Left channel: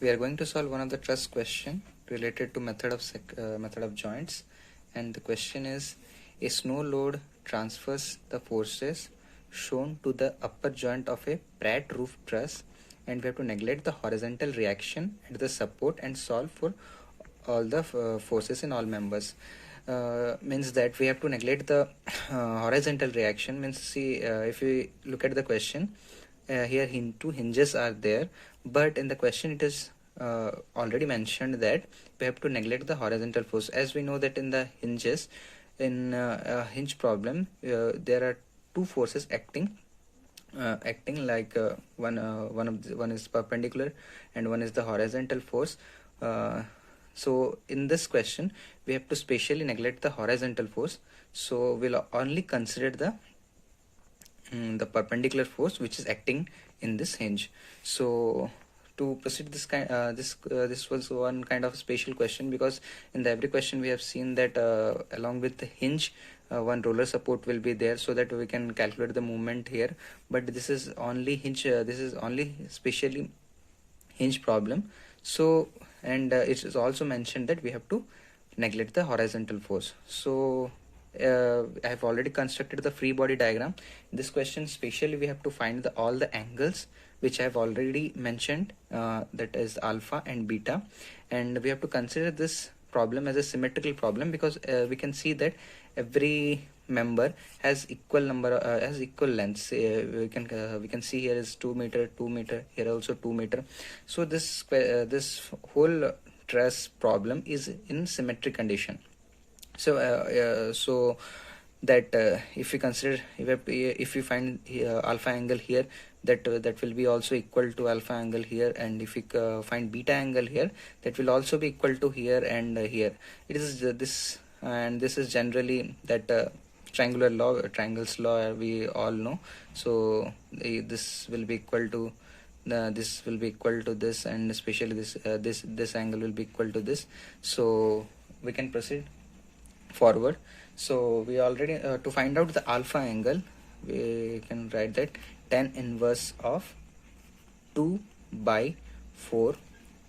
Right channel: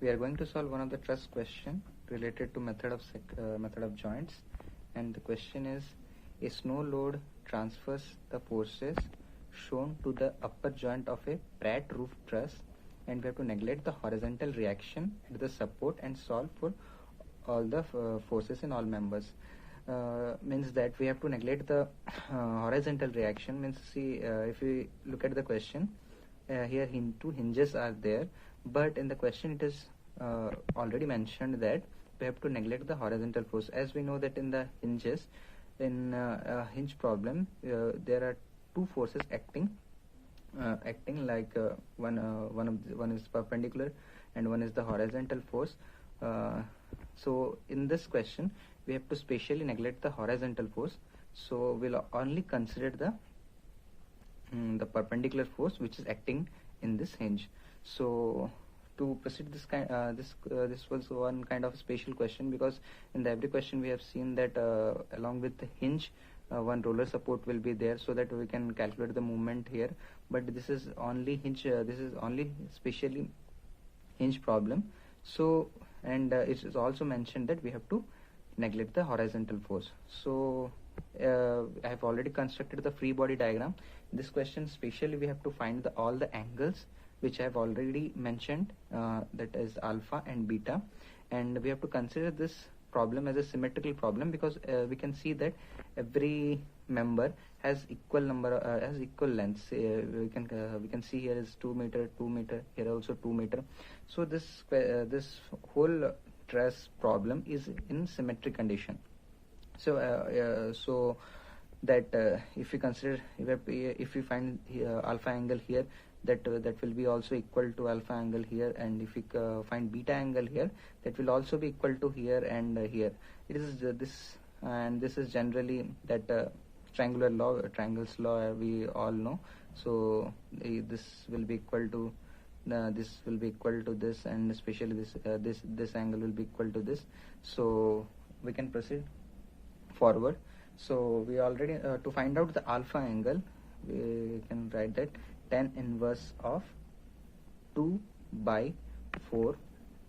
We are going to solve one of the truss question related to method of joints, and the question is: a snow load transfers the forces shown to the upper joint of a Pratt roof truss, and we have to neglect the horizontal reaction at the support and solve for all the forces in all members. Means that we have to neglect the horizontal reaction. Means, see, if we look at the question, here two hinges are there, but in the question it is already mentioned that we have to neglect the horizontal force. As we know that in the hinges, in a hinge problem, there are two forces acting like one is perpendicular and one is the horizontal force. So in this question we have to specially neglect the horizontal force, so we'll only consider the perpendicular force which is acting in this hinge. So to proceed this was one kind of special question, because in the every question we have seen that along with the hinge one roller support will be there, so that we can calculate the movement here. But this is only hinge, this is only specially hinge problem. So, and it is also mentioned that we have to neglect the horizontal force. So I have already constructed the free body diagram. In this question specially we have to find all the angles which I have already mentioned, that is alpha and beta, and we have to consider this problem as a symmetrical problem, because we can see that every member has equal has equal lengths. We can see here is 2 meter, 2 meter, here also 2 meter. So this whole truss problem is in symmetric condition. So that if we consider, if we find alpha angle here, that will be also equal to alpha angle here, and if we find beta angle here, that will also be equal to here and here. It is this, and this is generally that triangles law we all know. So this will be equal to this will be equal to this, and especially this angle will be equal to this. So we can proceed forward. So we already to find out the alpha angle, we can write that tan inverse of 2 by 4,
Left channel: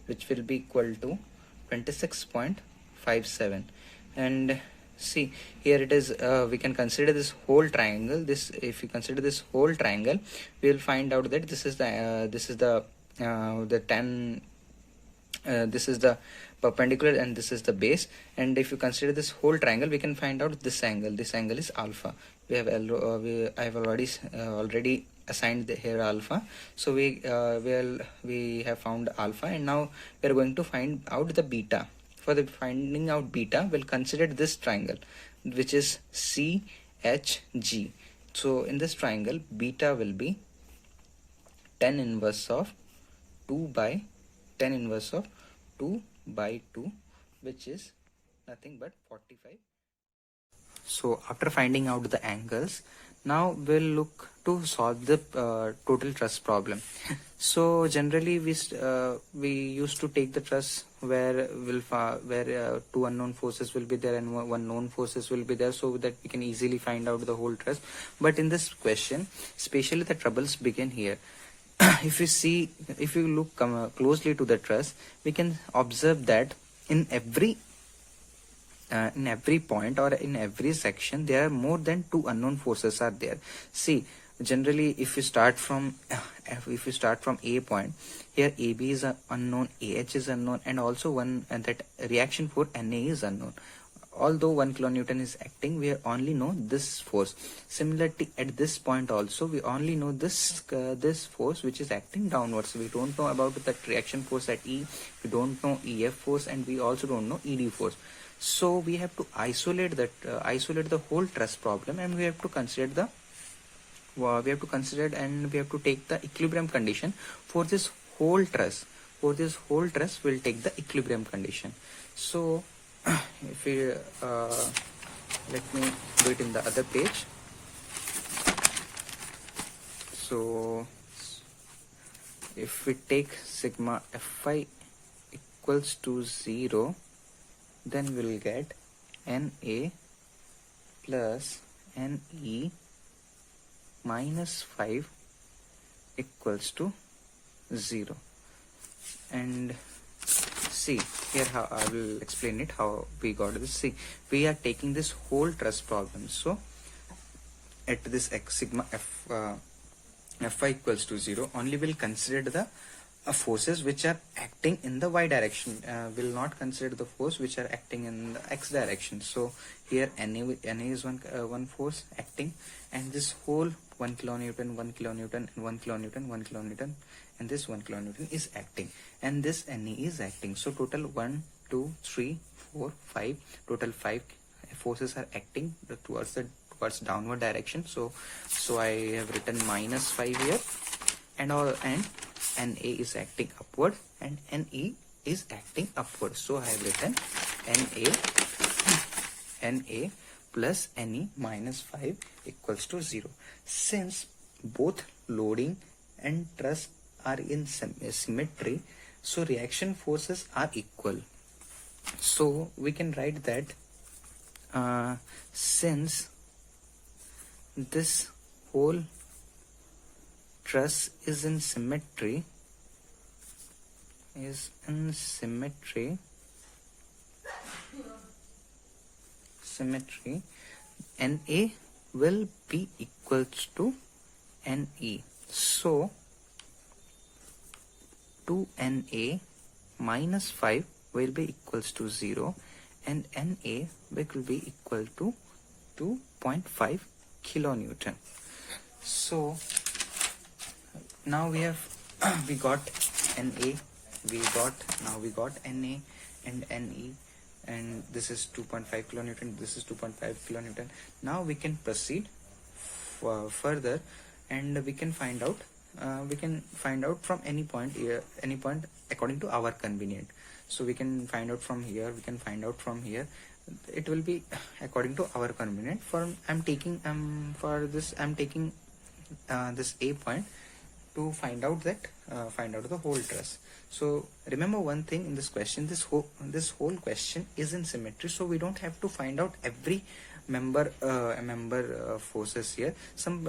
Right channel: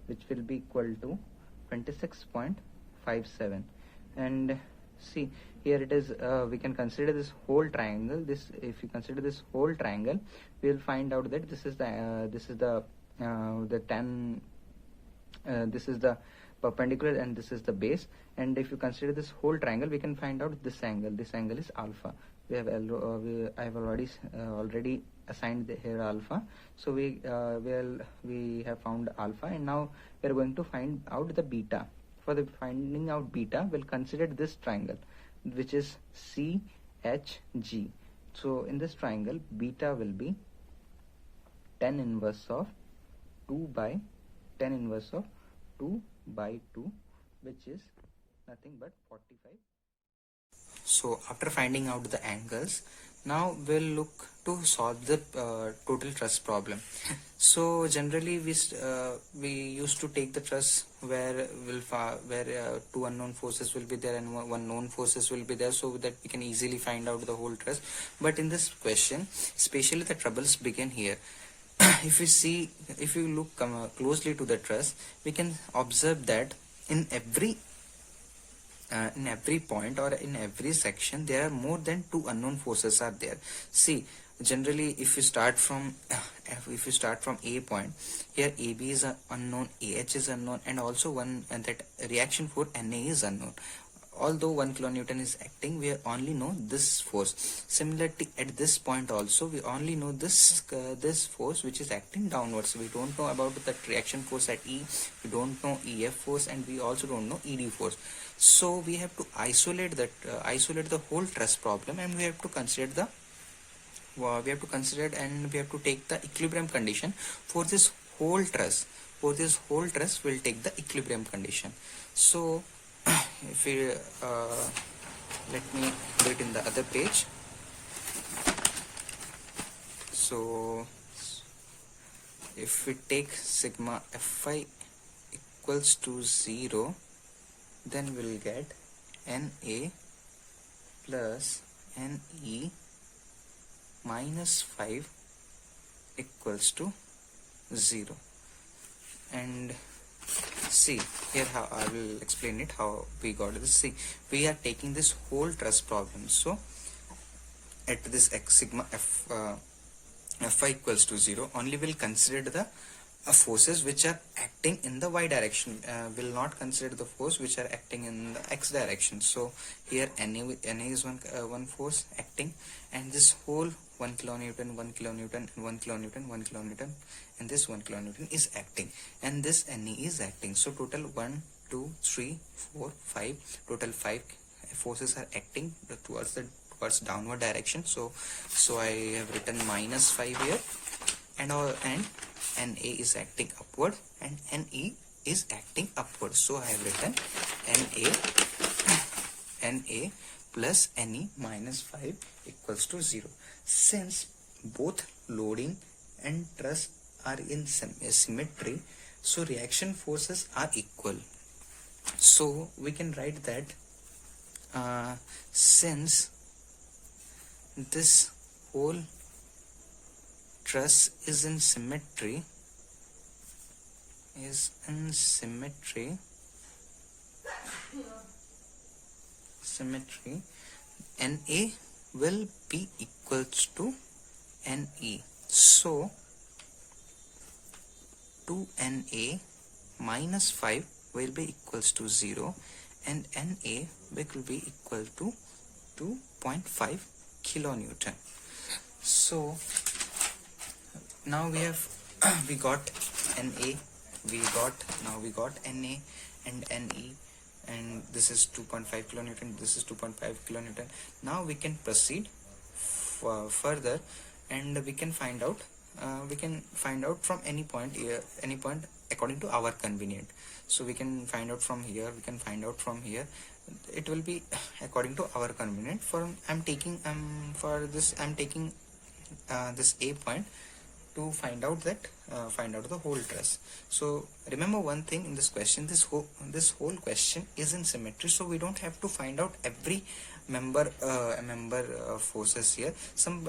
which will be equal to 26.57. and see, here it is, we can consider this whole triangle. If we consider this whole triangle, we will find out that this is the tan, this is the perpendicular and this is the base. And if you consider this whole triangle, we can find out this angle is alpha. I have already assigned here alpha. So we have found alpha, and now we are going to find out the beta. For the finding out beta, we'll consider this triangle which is CHG. So in this triangle, beta will be tan inverse of 2 by 2, which is nothing but 45. So after finding out the angles, now we'll look to solve the total truss problem. So generally we used to take the truss where two unknown forces will be there and one known forces will be there, so that we can easily find out the whole truss. But in this question, especially the troubles begin here. If you look closely to the truss, we can observe that in every point or in every section there are more than two unknown forces are there. See, generally if you start from A point, here AB is unknown, AH is unknown, and also that reaction force NA is unknown. Although 1 kilonewton is acting, we only know this force. Similarly, at this point also we only know this force which is acting downwards. We don't know about the reaction force at E, we don't know EF force, and we also don't know ED force. So we have to isolate the whole truss problem, and we have to consider and we have to take the equilibrium condition for this whole truss. We'll take the equilibrium condition. So if we let me do it in the other page. So if we take sigma Fi equals to 0, then we'll get Na plus Ne minus 5 equals to 0. And see here how I will explain it how we got this. See, we are taking this whole truss problem. So at this x sigma Fy equals to 0, only will consider the forces which are acting in the y direction, will not consider the force which are acting in the x direction. So here Na is one force acting, and this whole 1 kilonewton, 1 kilonewton, 1 kilonewton, 1 kilonewton, and this 1 kilonewton is acting, and this Na is acting. So total 1, 2, 3, 4, 5, total 5 forces are acting towards downward direction. So I have written -5 here, and Na is acting upward and Ne is acting upward. So I have written Na plus Ne minus 5 equals to 0. Since both loading and truss are in symmetry, so reaction forces are equal. So we can write that since this whole truss is in symmetry, Na will be equals to Ne. So 2Na minus 5 will be equals to 0, and Na will be equal to 2.5 kilonewton. So now we got Na, we got Na and Ne, and this is 2.5 kilonewton, this is 2.5 kilonewton. Now we can proceed further, and we can find out from any point according to our convenient. So we can find out from here, it will be according to our convenient. I'm taking this A point to find out the whole truss. So remember one thing in this question, this whole question is in symmetry, so we don't have to find out every member forces here. Some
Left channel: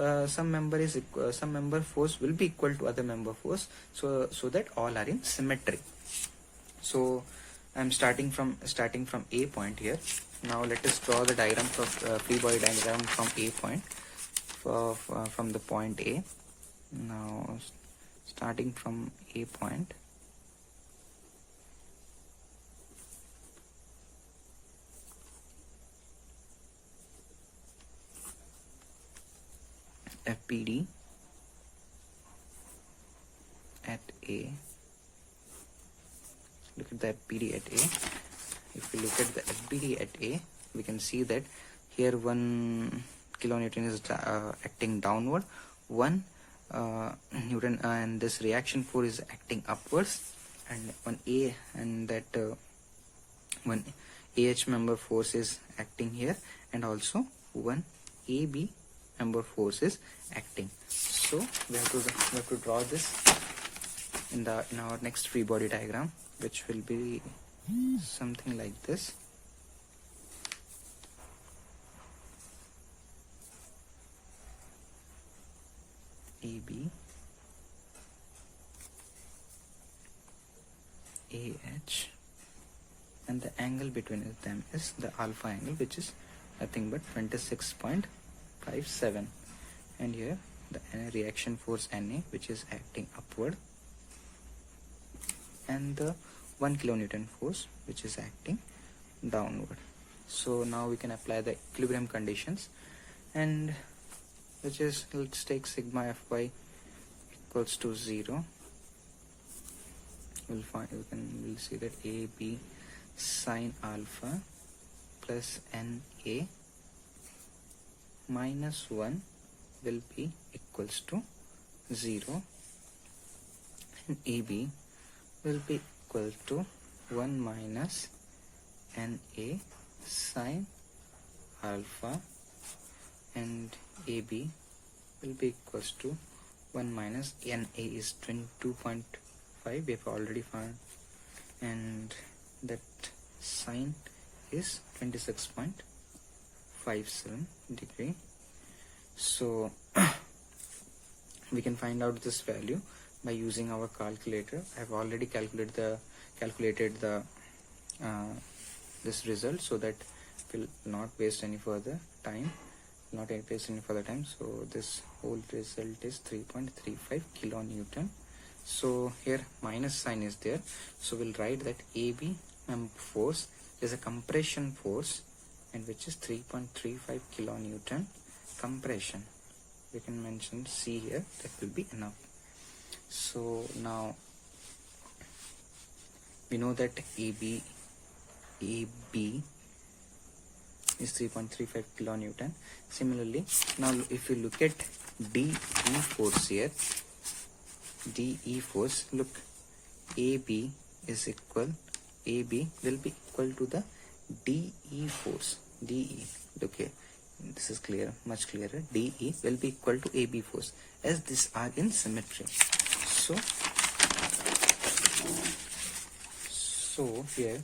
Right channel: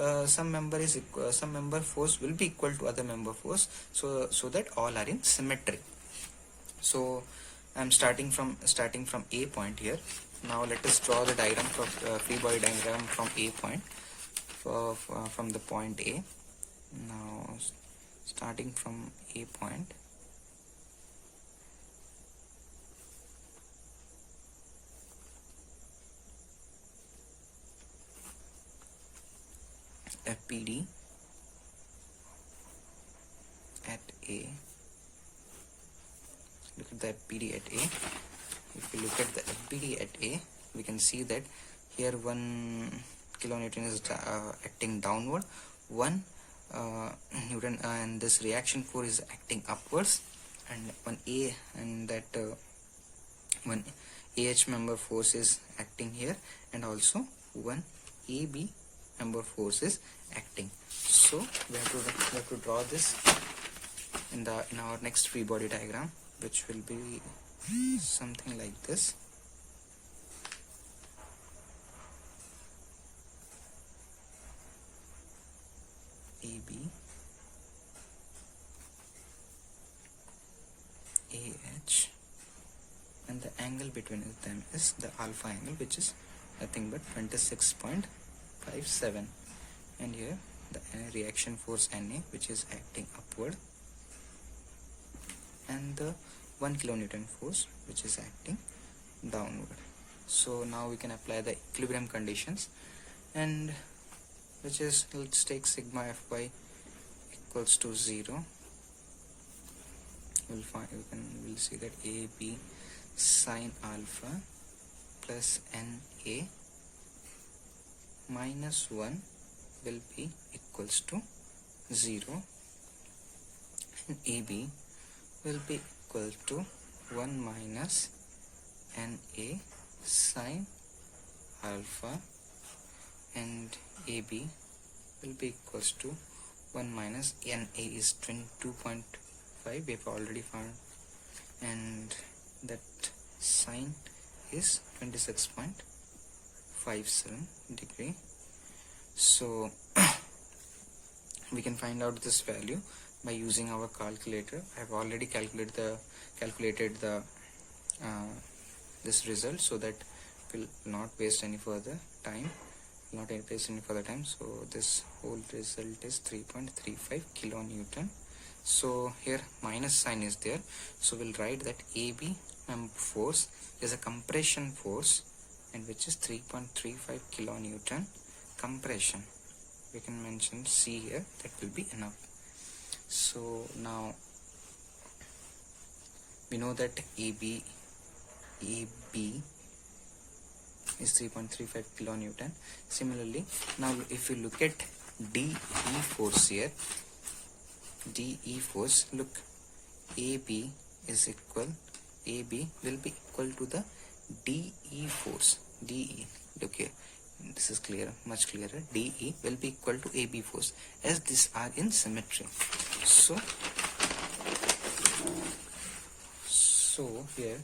member force will be equal to other member force, so that all are in symmetry. So I'm starting from A point here. Now let us draw the diagram for free body diagram from A point, from the point A. Now starting from A point, FBD at A. Look at the FBD at A. If we look at the FBD at A, we can see that here 1 kilonewton is acting downward, 1 Newton, and this reaction force is acting upwards, and one AH member force is acting here, and also one AB member force is acting. So we have to draw this in our next free body diagram, which will be something like this. AB, AH, and the angle between them is the alpha angle, which is nothing but 26.57, and here the reaction force Na, which is acting upward, and the 1 kilonewton force, which is acting downward. So now we can apply the equilibrium conditions, and which is, let's take sigma Fy equals to 0. We'll see that AB sine alpha plus Na minus 1 will be equals to 0, and AB will be equal to 1 minus Na sine alpha, and AB will be equals to 1 minus Na is 22.5, we have already found, and that sine is 26.57 degree. So we can find out this value by using our calculator. I've already calculated the this result, so that will not waste any further time. So this whole result is 3.35 kilonewton. So here minus sign is there, so we'll write that AB force is a compression force, and which is 3.35 kilonewton compression. We can mention C here, that will be enough. So now we know that AB is 3.35 kilonewton. Similarly, now if you look at DE force here, DE force, look, AB will be equal to the DE force. DE, look here, this is clear, much clearer. DE will be equal to AB force, as these are in symmetry. So here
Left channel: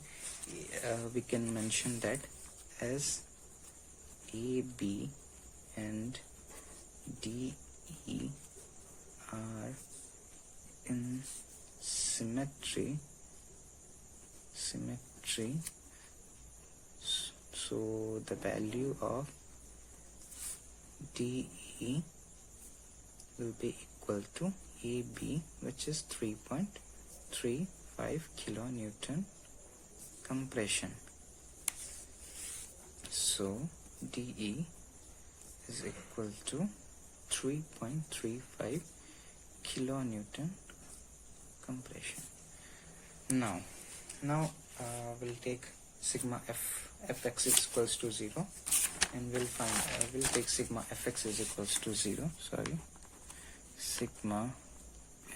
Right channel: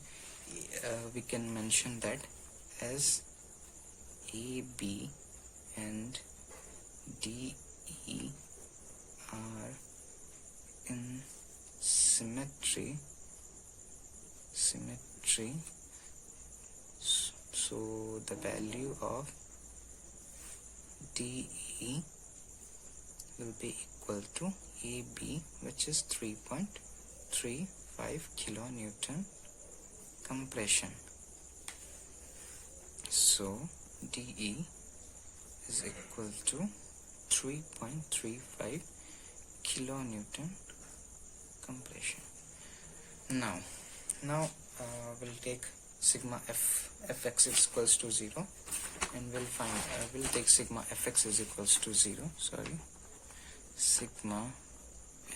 we can mention that as AB and DE are in symmetry, so the value of DE will be equal to AB, which is 3.35 kilonewton compression. So DE is equal to 3.35 kilonewton compression. Now we'll take sigma fx is equals to 0, and we'll take sigma fx is equals to 0. Sigma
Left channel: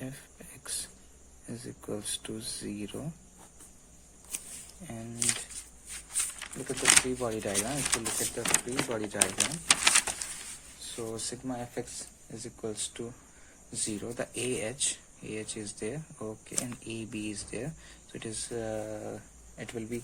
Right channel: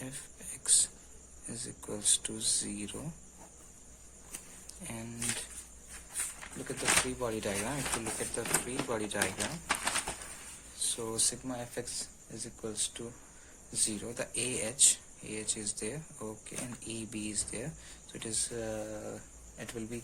fx is equals to 0, and look at the free body diagram. If you look at the free body diagram, so sigma fx is equals to 0. The AH is there, okay, and AB is there. So it will be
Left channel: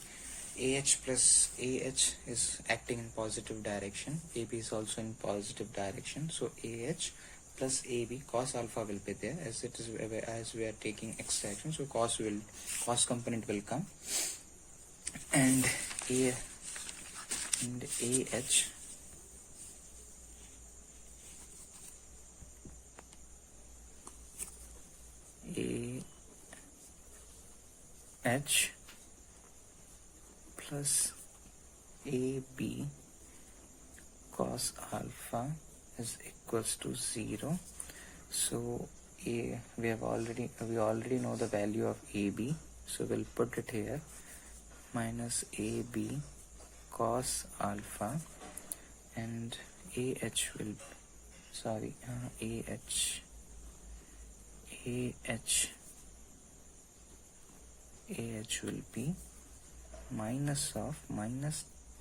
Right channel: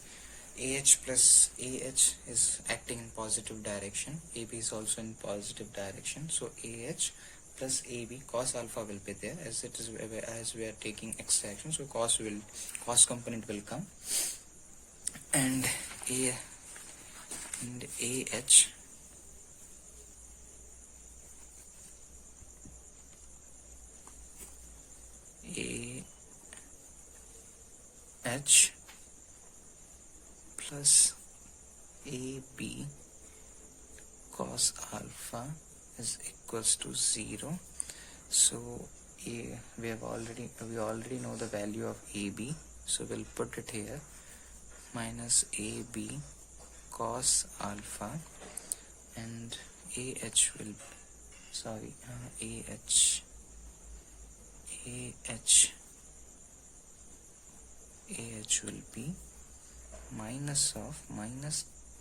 AH plus AH is acting in positive direction. AB is also in positive direction. So AH plus AB cos alpha will be there, as it is, as we are taking extraction. So cos component will come, and AH plus AB cos alpha is equals to 0. So we already know the value of AB, so we'll put it here, minus AB cos alpha, and AH will be minus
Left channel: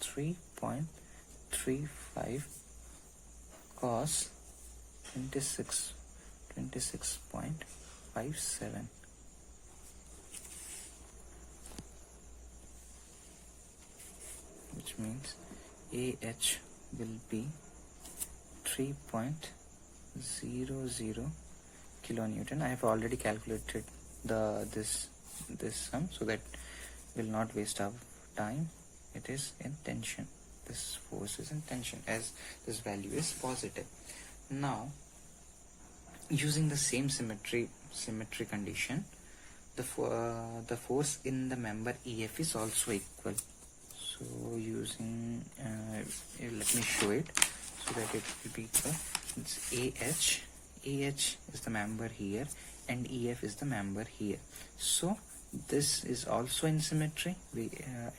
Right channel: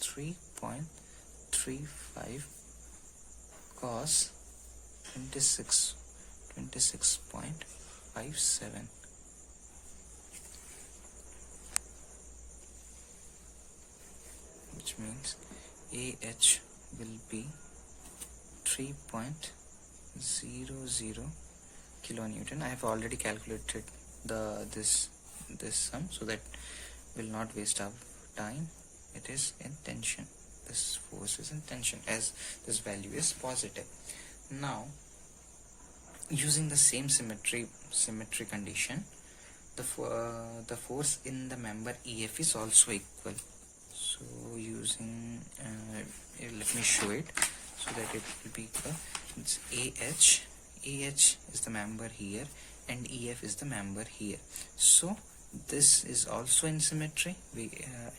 3.35 cos 26.57, which means AH will be 3.00 kilonewton. I have already calculated this sum, so that will not waste our time. It is in tension. This force is in tension, as this value is positive. Now, using the same symmetry condition, the force in the member EF is also equal. So using let me show it so that it will be equal. It's AH is the member here, and EF is the member here. So this is also in symmetry,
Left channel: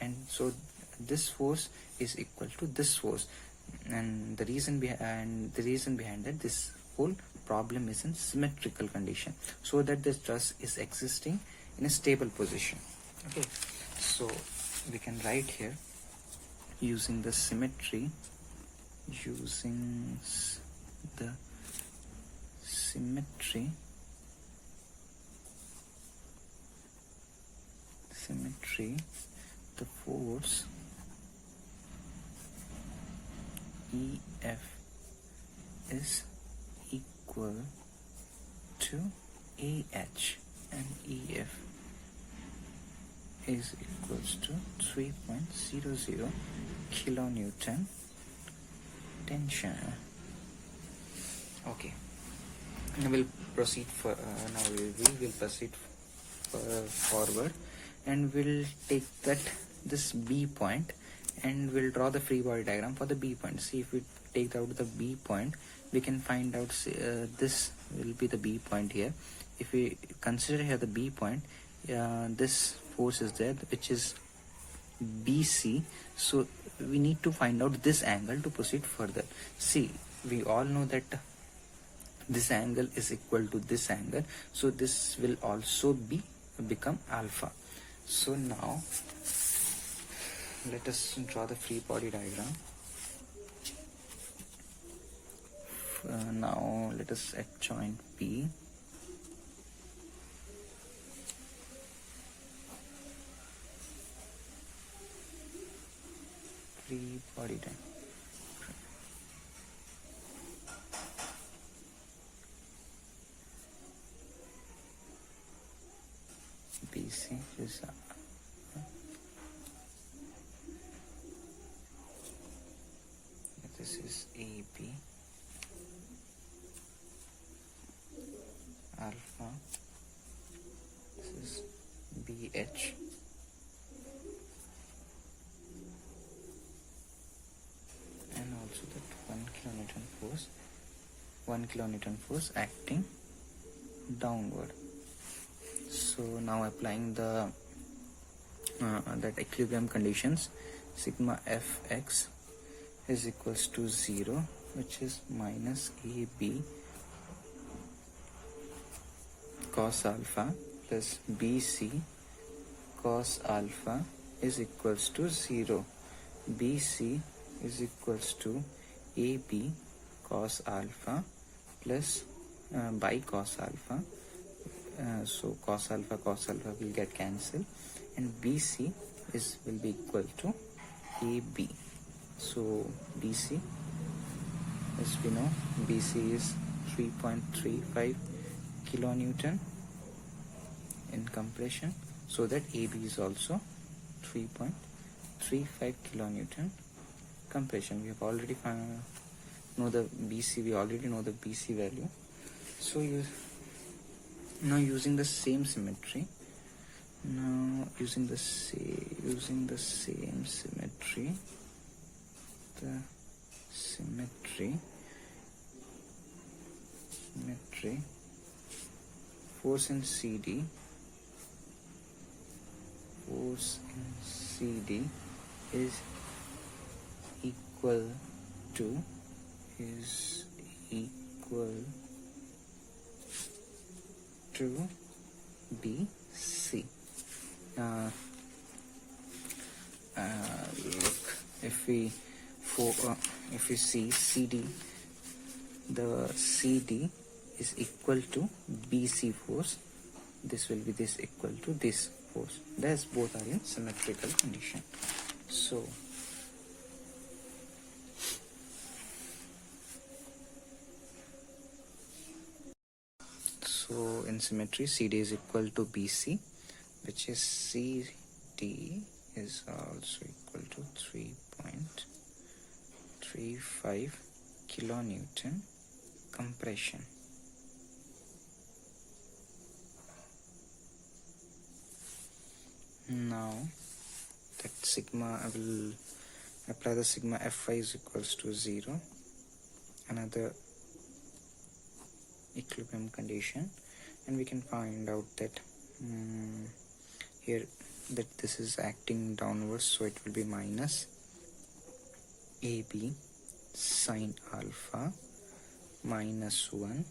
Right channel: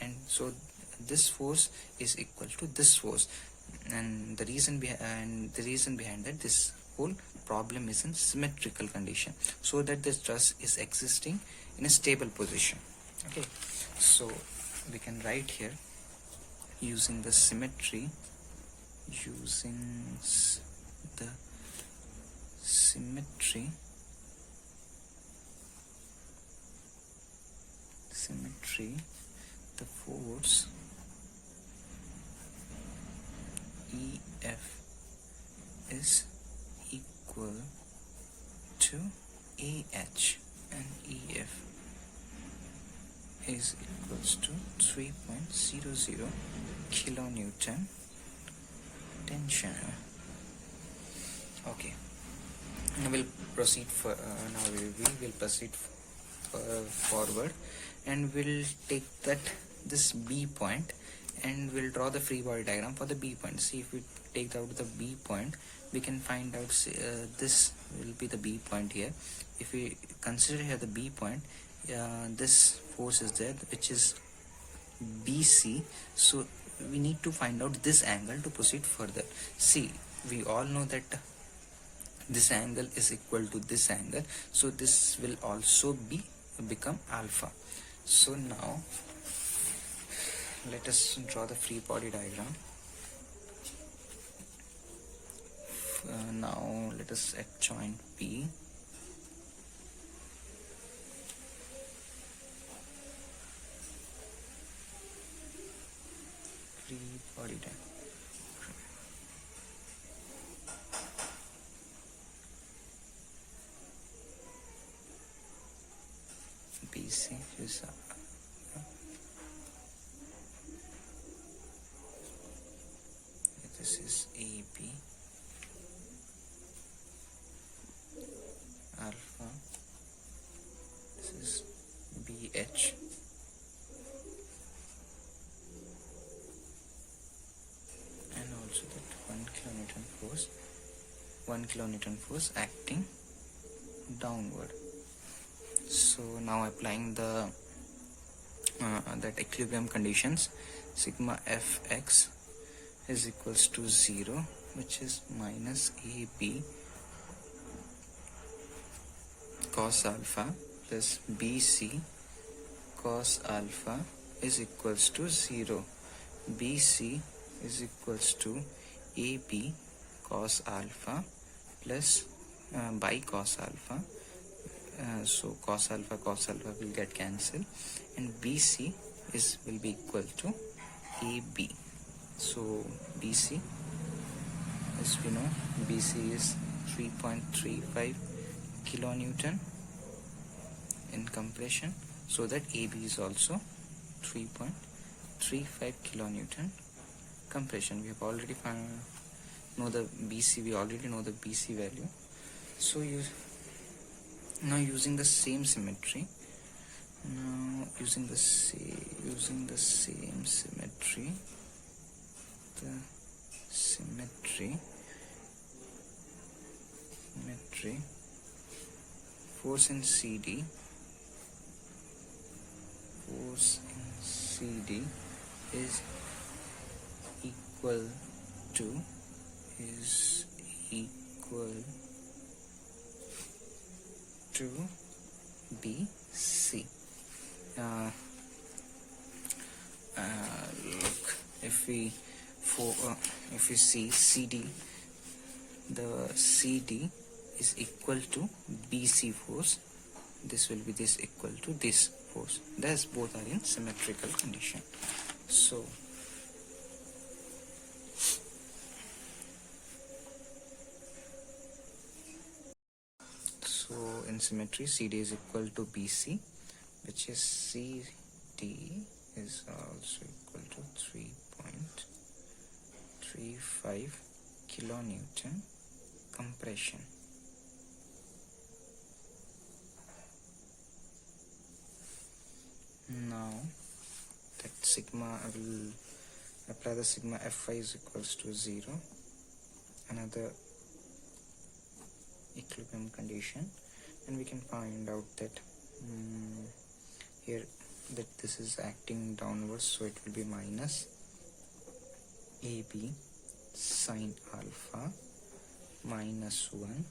and so this force is equal to this force, and the reason behind that this whole problem is in symmetrical condition, so that this truss is existing in a stable position. Okay, so we can write here, using the symmetry, the force EF is equal to AH and EF is equals to 3.00 kilonewton tension. Okay, now we'll proceed for forward, and we'll take this B point, and we'll draw the free body diagram for the B point. See, if we take out the B point, we can find out this will be the B point here. If we consider here the B point, this force is there, which is BC. So we need to find out this angle to proceed further. See, we all know that this angle is equal to this angle, so this will also become alpha. So now let us draw the free body diagram. Now let us at joint P, free body diagram. BC is this is AB, alpha, this is BH, and also that 1 kilonewton force acting downward. So now applying the that equilibrium conditions, sigma Fx is equals to 0, which is minus AB cos alpha plus BC cos alpha is equals to 0. BC is equals to AB cos alpha plus by cos alpha. So cos alpha will get cancelled, and BC will be equal to AB. So BC, as we know, BC is 3.35 kilonewton in compression, so that AB is also 3.35 kilonewton compression. We have already know the BC. We already know the BC value. So now using the same symmetry, force in CD is equal to BC. Look, if we see CD, the CD is equal to BC force. This will be this equal to this force. Thus both are in symmetrical condition. So in symmetry, CD is equal to BC, which is CD is also equal to 3.35 kilonewton compression. Now that sigma, I will apply the sigma Fi is equals to 0, another equilibrium condition, and we can find out that here that this is acting downwards, so it will be minus AB sine alpha minus 1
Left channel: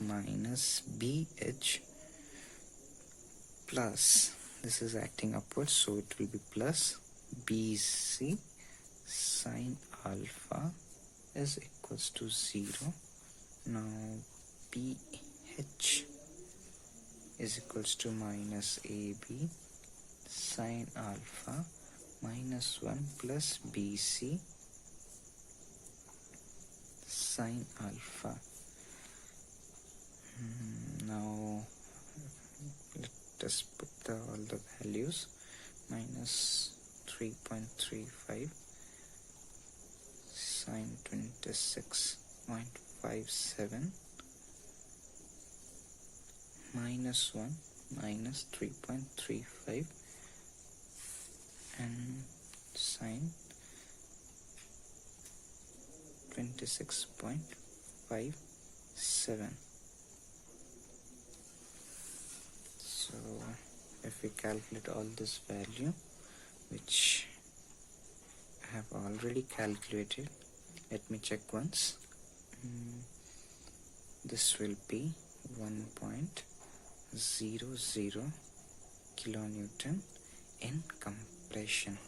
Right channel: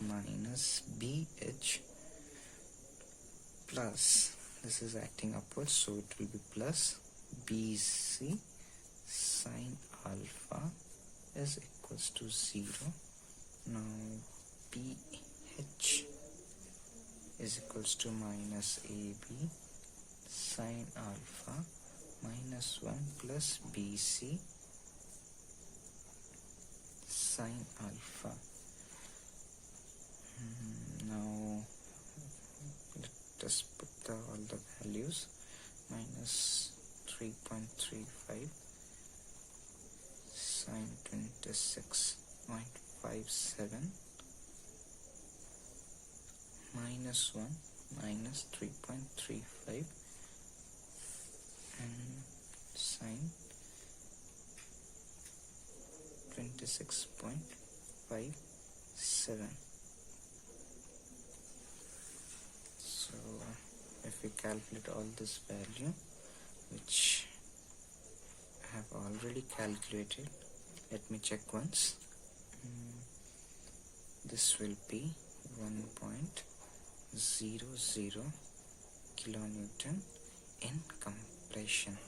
minus BH plus, this is acting upwards, so it will be plus BC sine alpha is equals to 0. Now BH is equals to minus AB sine alpha minus 1 plus BC sine alpha. Now let us put all the values. Minus 3.35 sine 26.57 minus 1 minus 3.35 and sine 26.57. So if we calculate all this value, which I have already calculated, let me check once. This will be 1.00 kilonewton in compression.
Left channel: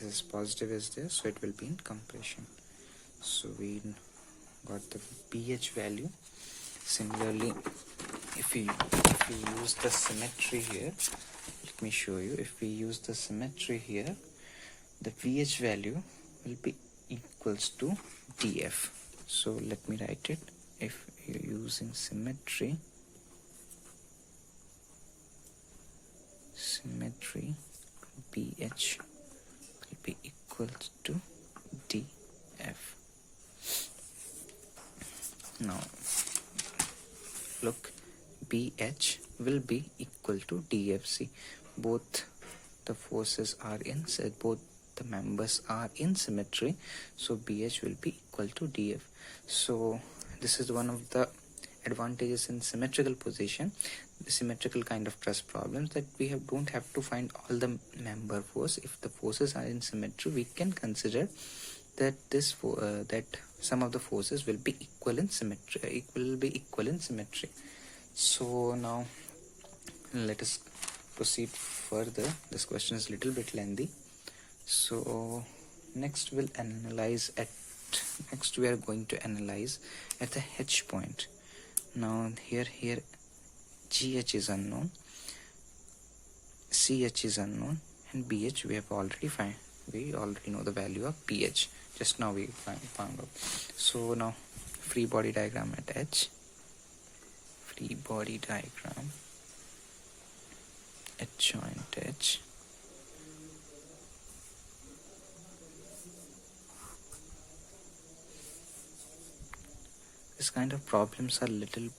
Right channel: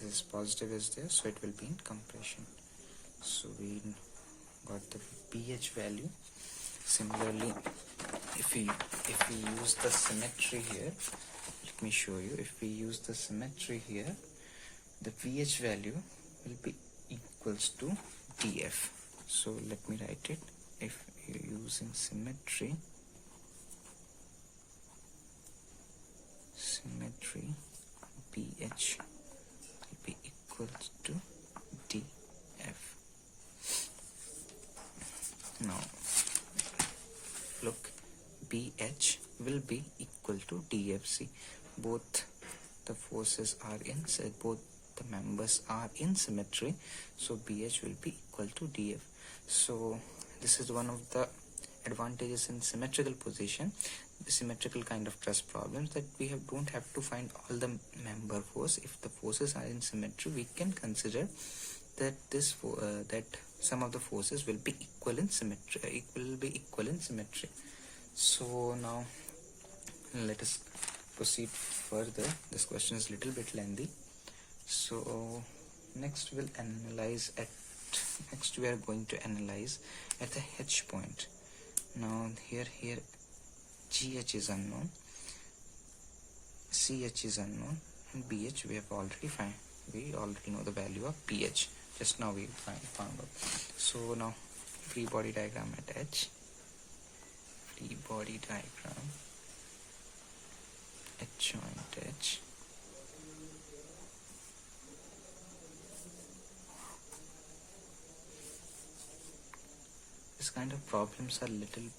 This is positive is there, so it will be in compression. So we got the pH value. Similarly, if we use the symmetry here, let me show you. If we use the symmetry here, the pH value will be equals to dF. So let me write it. If you're using symmetry pH will be equals to dF. Now look, pH will be equal to dF. See, both the forces are in, both the members are in symmetry, so pH will be equal to dF. So this is one of the advantages in symmetrical position, the symmetrical kind of truss problems, that we don't have to find all the member force. If the forces are in symmetry, we can consider that that some of the forces will be equal in symmetry. So now let us proceed further. This question is a little bit lengthy. So next we are going to analyze at the H point. Now here GH is unknown, CH is unknown, and BH we have already found. We already know the value of pH. Just now we found out. So now free body diagram at H. Free body diagram at joint H. This kind of problems are little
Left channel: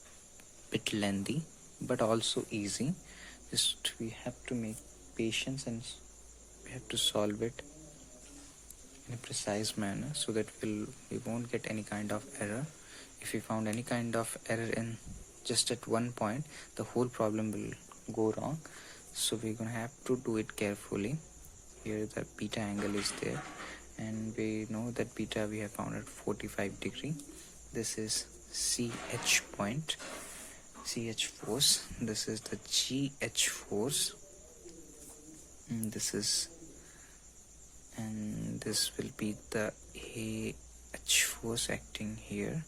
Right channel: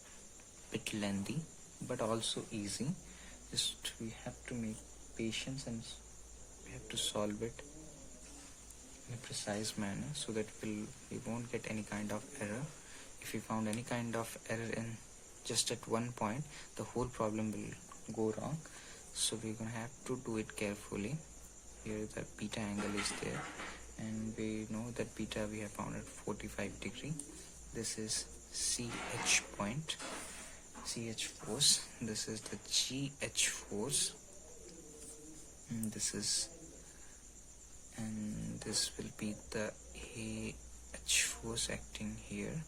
bit lengthy, but also easy. Just we have to make patience and we have to solve it in a precise manner, so that we won't get any kind of error. If we found any kind of error in just at one point, the whole problem will go wrong. So we're gonna have to do it carefully. Here the beta angle is there, and we know that beta we have found at 45 degree. This is CH point, CH force. This is the GH force. And this will be the AH force acting here,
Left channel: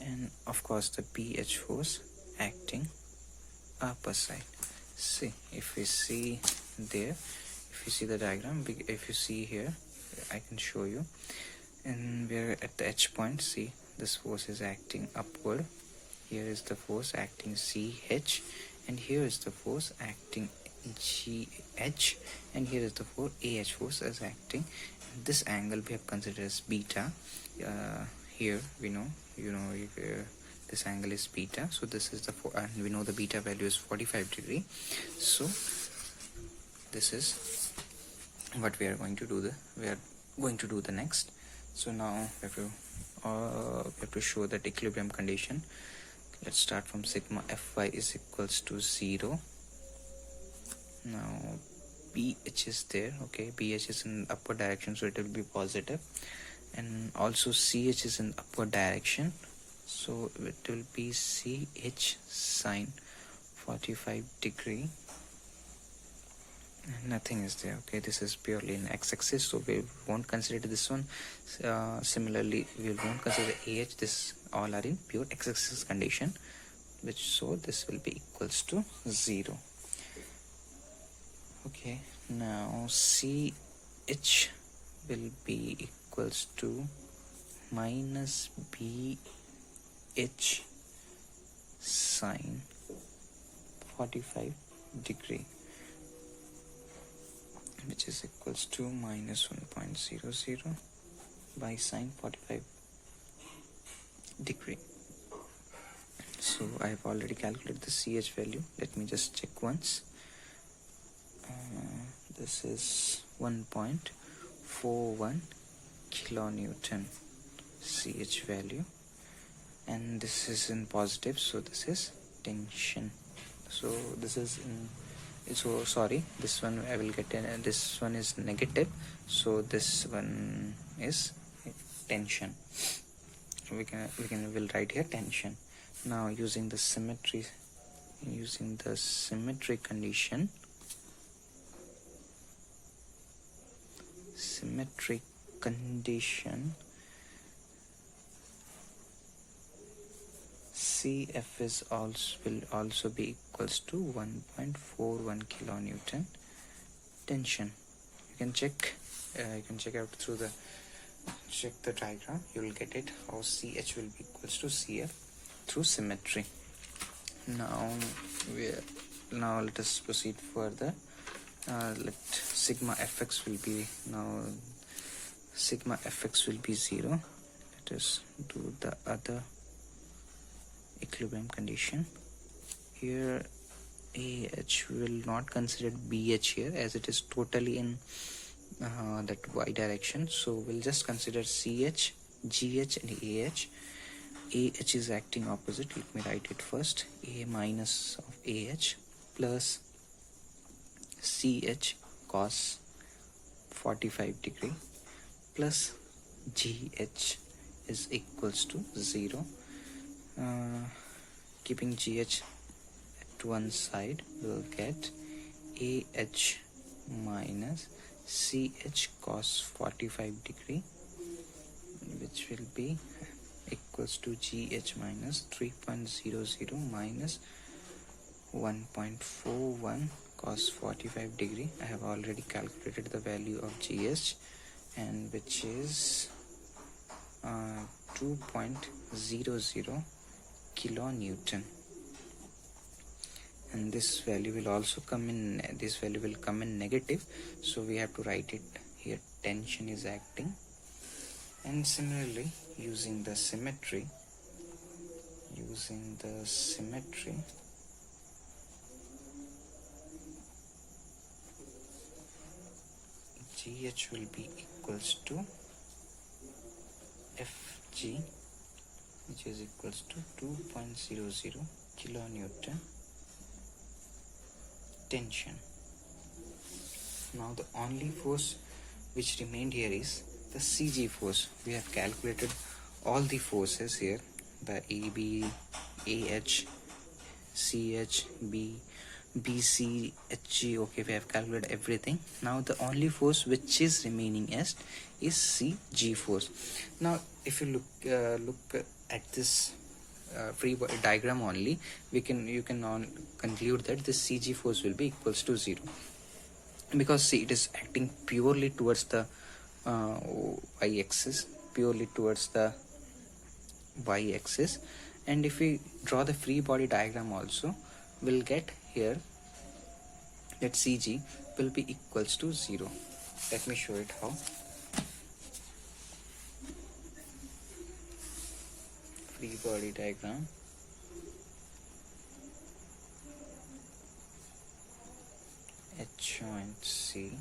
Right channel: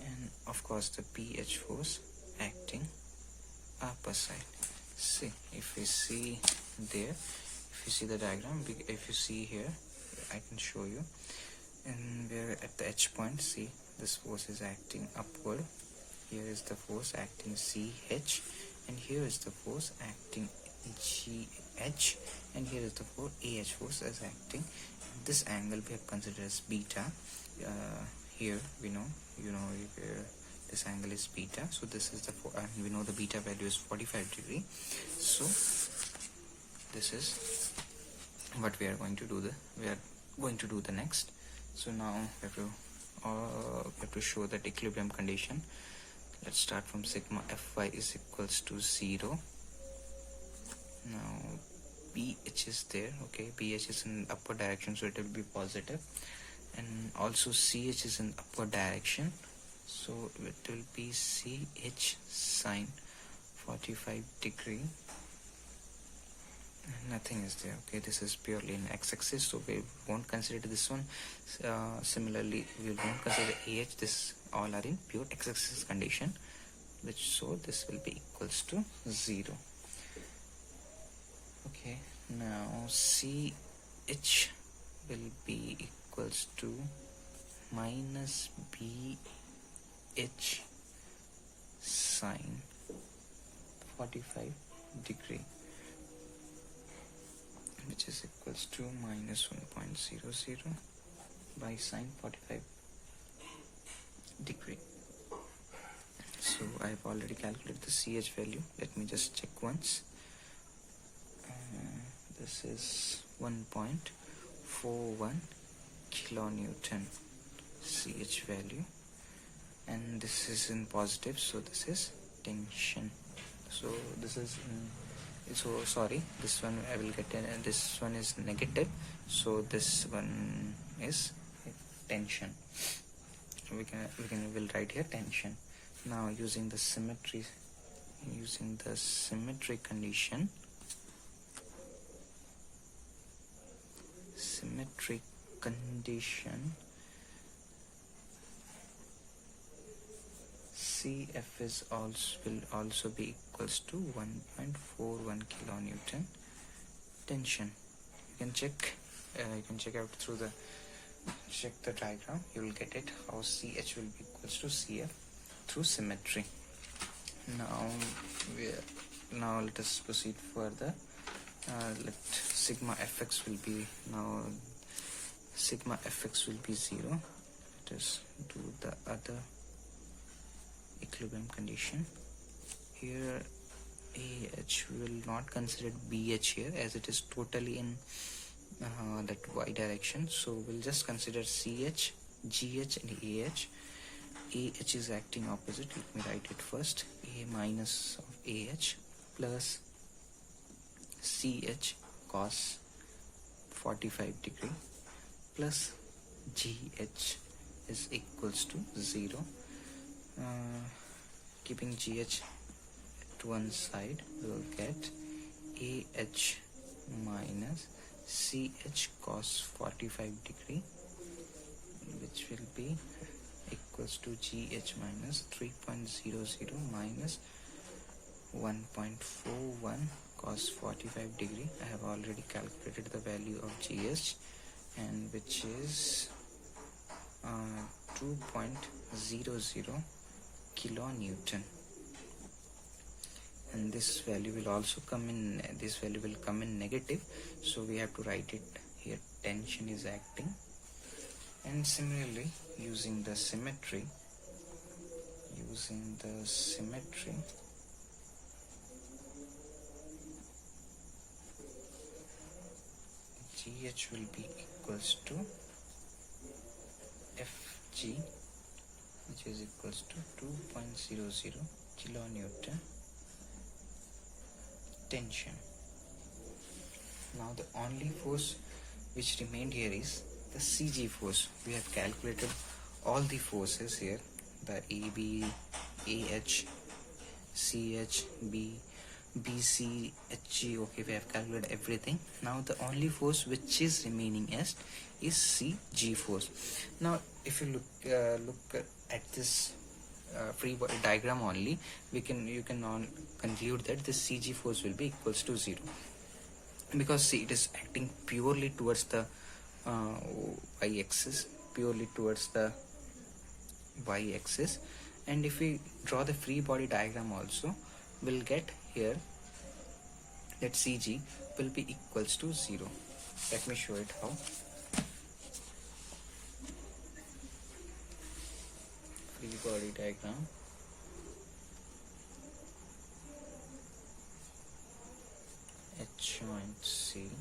and of course the PH force acting upper side. See, if we see there, if you see the diagram, if you see here, I can show you. And we're at the H point. See, this force is acting upward. Here is the force acting CH, and here is the force acting GH, and here is the AH force as acting. This angle we have considered as beta. Here we know, this angle is beta. So this is the and we know the beta value is 45 degree. So this is what we are going to do. We are going to do the next. So now we have to show that equilibrium condition. Let's start from sigma Fy is equals to 0. Now BH is there. Okay, BH is in upward direction, so it will be positive, and also CH is in upward direction, so it will be CH sine 45 degree. Nothing is there. Okay, this is purely in x-axis, so we won't consider this one. Similarly, we won't consider AH. This all are in pure x-axis condition, so this will be equals to 0. Okay, now CH will be equals to minus BH sine 45 degree, which is equals to minus 1.00 by sine 45 degree. So I've already calculated the CH value. Let me just check once. This is 1.41 kilonewton CH value, and this is in positive, so this is tension. So this is in, so sorry, this one I will get this one is negative, so this one is tension. So we'll write here tension. Now using the symmetry condition, CF will also be equals to 1.41 kilonewton tension. You can check out through the diagram. You will get it how CH will be equals to CF through symmetry. Now let us proceed further. Let sigma fx will be zero. Let us do the other equilibrium condition. Here AH will not consider BH here, as it is totally in that y direction, so we'll just consider CH, GH and AH. AH is acting opposite. Let me write it first. A minus of AH plus CH cos 45 degree plus GH is equals to 0. Keeping GH at one side, we'll get AH minus CH cos 45 degree, which will be equals to GH minus 3.00 minus 1.41 cos 45 degree. I have already calculated the value of GH, and which is 2.00 kilonewton, and this value will also come in negative, so we have to write it here. Tension is acting. And similarly, using the symmetry, GH will be equals to FG, which is equals to 2.00 kilonewton tension. Now the only force which remained here is the CG force. We have calculated all the forces here, the AB, AH, CH, B, BC, HG. Okay, we have calculated everything. Now the only force which is remaining is CG force. Now if you look at this free body diagram only, you can conclude that the CG force will be equals to 0, because see, it is acting purely towards the y-axis, and if we draw the free body diagram also, we'll get here that CG will be equals to 0. Let me show it how. Free body diagram. At joint C,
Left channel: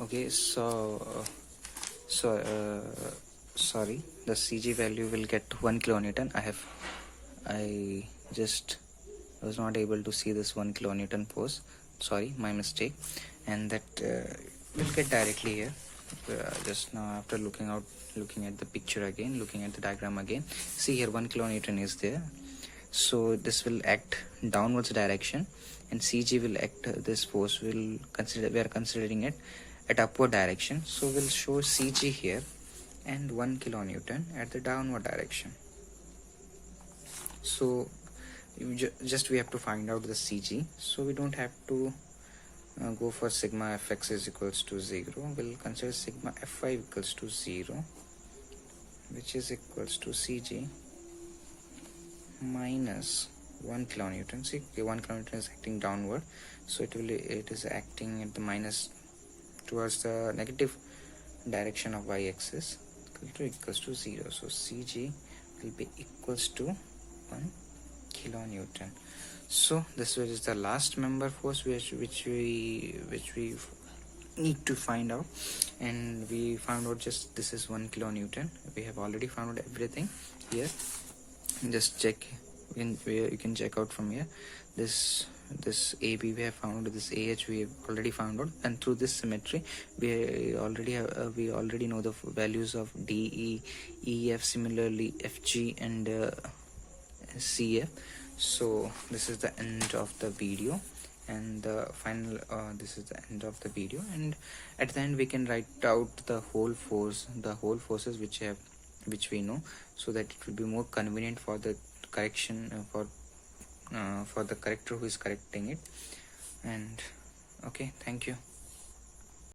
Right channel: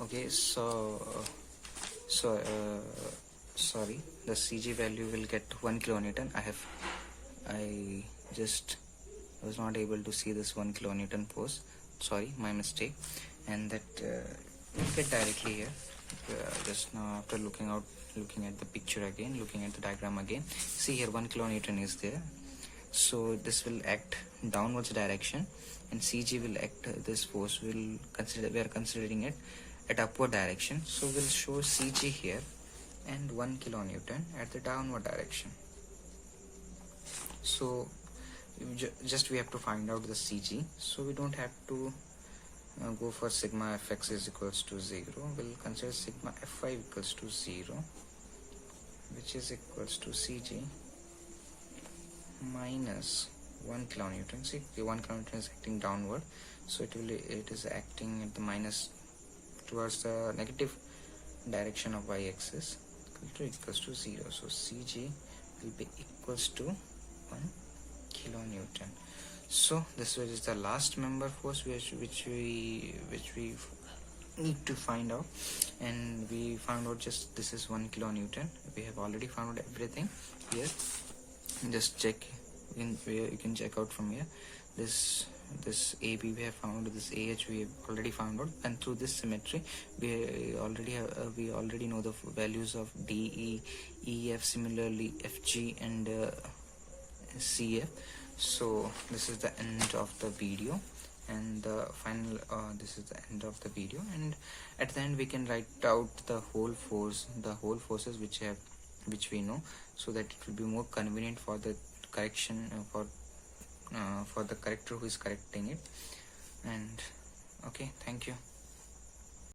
okay, sorry, the CG value will get 1 kilonewton. I was not able to see this 1 kilonewton force. Sorry, my mistake. And that we'll get directly here. Just now, after looking at the picture again, looking at the diagram again, see here 1 kilonewton is there. so this will act downwards direction, and CG will act, this force will consider, we are considering it at upward direction, so we'll show CG here and 1 kilonewton at the downward direction. So just we have to find out the CG, so we don't have to go for sigma fx is equals to 0. We'll consider sigma fy equals to 0, which is equals to CG minus 1 kilonewton. See, 1 kilonewton is acting downward, so it is acting at the minus towards the negative direction of y-axis, equals to 0. So CG will be equals to 1 kilonewton. So this is the last member force which we need to find out, and we found out just this is 1 kilonewton. We have already found out everything here. Just check in where you can check out from here. This AB we have found, this AH we have already found out, and through this symmetry we already know the values of DE, EF, similarly FG and CF. So this is the end of the video, and the final this is the end of the video, and at the end we can write out the whole forces which we know, so that it will be more convenient for the correction for the corrector who is correcting it. And okay, thank you.